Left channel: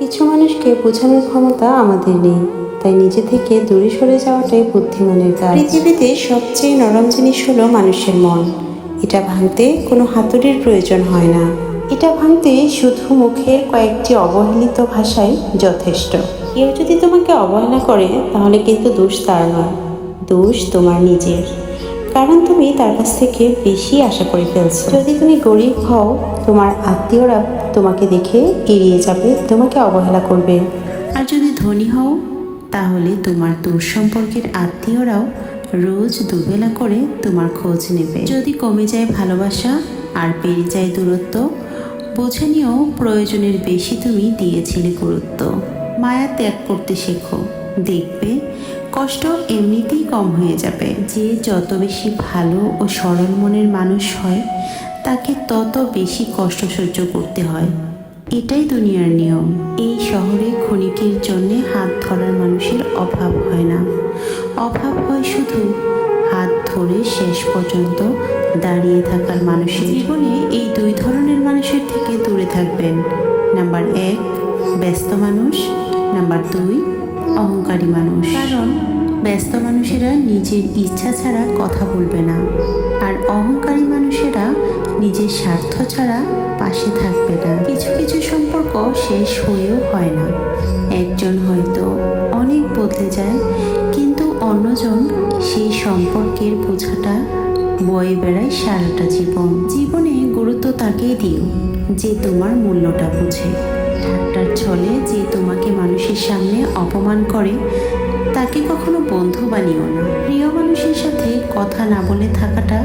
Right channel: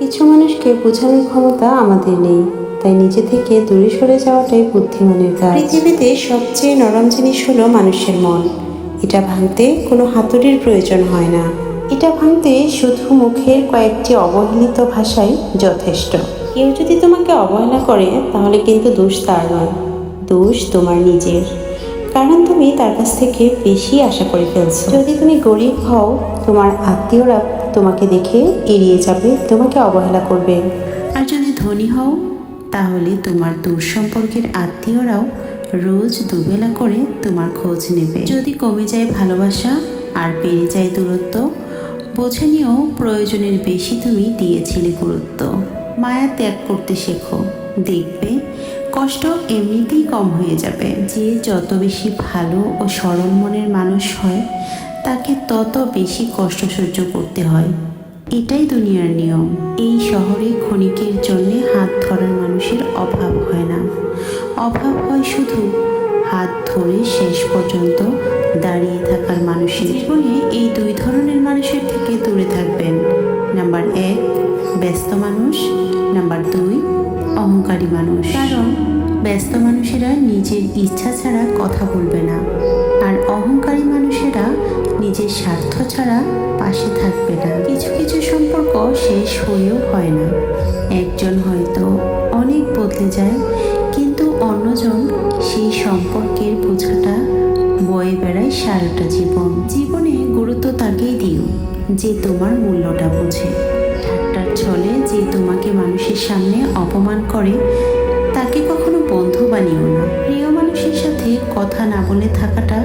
কিছু মানুষকে বোঝানোর ক্ষমতা আমাদের নেই, তাই নিজে থেকে দূরে সরে যাওয়াটাই বুদ্ধিমানের কাজ। পৃথিবীতে সবচেয়ে নরম জিনিস হলো মানুষের মন। এটা ভাঙতে কোনো হাতুড়ির প্রয়োজন হয় না। এটা ভাঙতে শুধু মুখের কয়েকটি অবহেলিত ভাষাই যথেষ্ট। কেউ যদি তোমাকে অবহেলা করে তাহলে কিন্তু দোষ তার নয়, দোষ তোমার নিজের। কারণ তুমি তার কাছ থেকে বেশি আশা করে ফেলছো। যদি তুমি গরিব হও, তোমার আত্মীয়রা তোমাকে দেখে এড়িয়ে যাবে, তোমাকে অবহেলা করবে। আর যদি ধনী হও, তাহলে তোমার দূর সম্পর্কের আত্মীয়রাও রোজ দুবেলা করে তোমার খোঁজ নেবে। যদি কমে যায় ভালোবাসা আর বেড়ে যায় দূরত্ব, বুঝে নিও প্রয়োজনের বেশি তুমি দিয়েছিলে গুরুত্ব। মায়া ত্যাগ করতে শেখো, দেখবে কষ্ট এমনিতেই কম হয়ে যাবে। যে যত বেশি ভালো ও সরল মনের মানুষ হয়, তাকে তত বেশি কষ্ট সহ্য করতে হয়। এটাই দুনিয়ার নিয়ম। এই শহরে ক্ষণিকের জন্য হাত ধরার মানুষের অভাব হয় না, অভাব হয় শুধু হাত ধরে শেষ পর্যন্ত দাঁড়িয়ে থাকার মানুষের। জীবনে এই দুই ধরনের মানুষের থেকে দূরে থাকবেন। নাম্বার 1 ব্যস্ত মানুষ, নাম্বার 2 অহংকারী মানুষ। কারণ ব্যস্ত মানুষেরা নিজের ইচ্ছা ছাড়া কথা বলবে না, আর অহংকারী মানুষেরা নিজের স্বার্থ ছাড়া পাশে থাকবে না। কিছু কিছু সম্পর্ক শেষ হয়েও হয় না। একজন হয়তো অনেক বদলে যায়, কিন্তু অন্যজন সেই সম্পর্কের বোঝাটা বয়ে বেড়ায় সারাটা জীবন। জীবনে গুরুত্ব তাকেই দিও যে তোমার মূল্যটা বুঝে। ঠাট্টার ছলে যে তোমাকে মানুষের সামনে অপমান করে, তাকে কখনো বন্ধু বানিও না। প্রিয় মানুষের সাথে কথা না বলে থাকাটা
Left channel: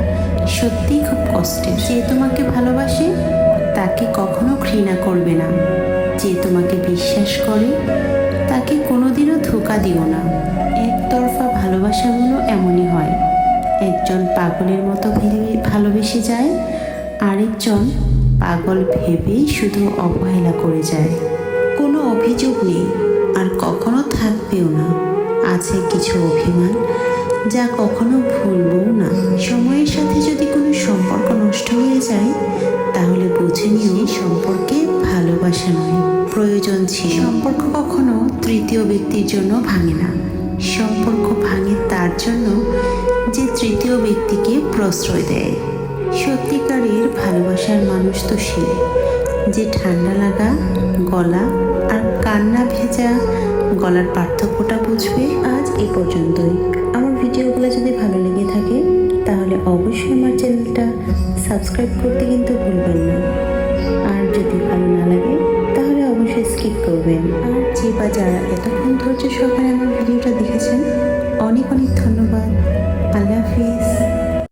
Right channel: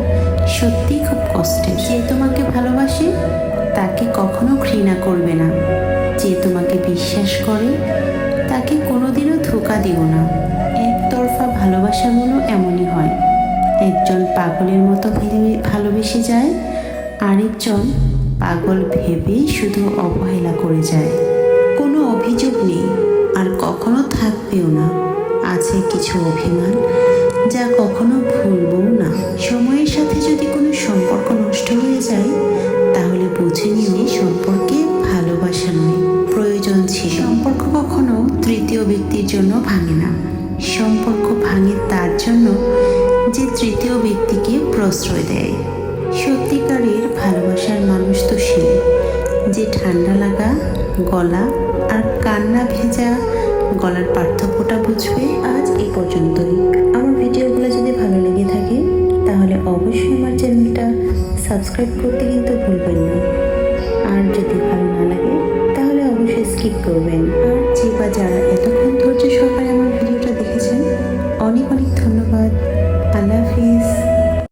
সত্যিই খুব কষ্টের। যে তোমাকে ভালোবাসে তাকে কখনো ঘৃণা করবে না। যে তোমাকে বিশ্বাস করে তাকে কোনোদিনও ধোঁকা দিও না। একতরফা ভালোবাসাগুলো এমনই হয়। একজন পাগলের মতো ভালোবেসে যায়, আরেকজন পাগল ভেবে শুধু অবহেলা করে যায়। কোনো অভিযোগ নেই, আর কখনো থাকবেও না। আছে কিছু অভিমান, যা কখনো ভুলবও না। সময়ের সাথে যদি কোনো সম্পর্ক নষ্ট হয়ে যায়, তাহলে বুঝে নিও সম্পর্কে ভালোবাসা নয়, প্রয়োজন ছিল। সম্পর্ক কখনো তৃতীয় ব্যক্তির জন্য ভাঙে না। সম্পর্ক ভাঙে তার জন্য যে তৃতীয় ব্যক্তিকে প্রশ্রয় দেয়। সত্যিকারের ভালোবাসার মানুষ তো সে, যে ঠান্ডা লাগা গলা আর কান্না ভেজা গলার পার্থক্যটা বুঝবে। আজ এ পর্যন্তই। আমার ভিডিওগুলো যদি ভালো লেগে থাকে, তাহলে অবশ্যই আমার চ্যানেলটা সাবস্ক্রাইব করতে কিন্তু ভুলবেন না। আর যদি ভালো না লাগে, তাহলে অবশ্যই স্কিপ করবেন। আর যে বা যারা এতক্ষণ ধৈর্য সহকারে আমার ভিডিওটা দেখেছেন, অনেক অনেক ধন্যবাদ। আল্লাহ হাফিজ।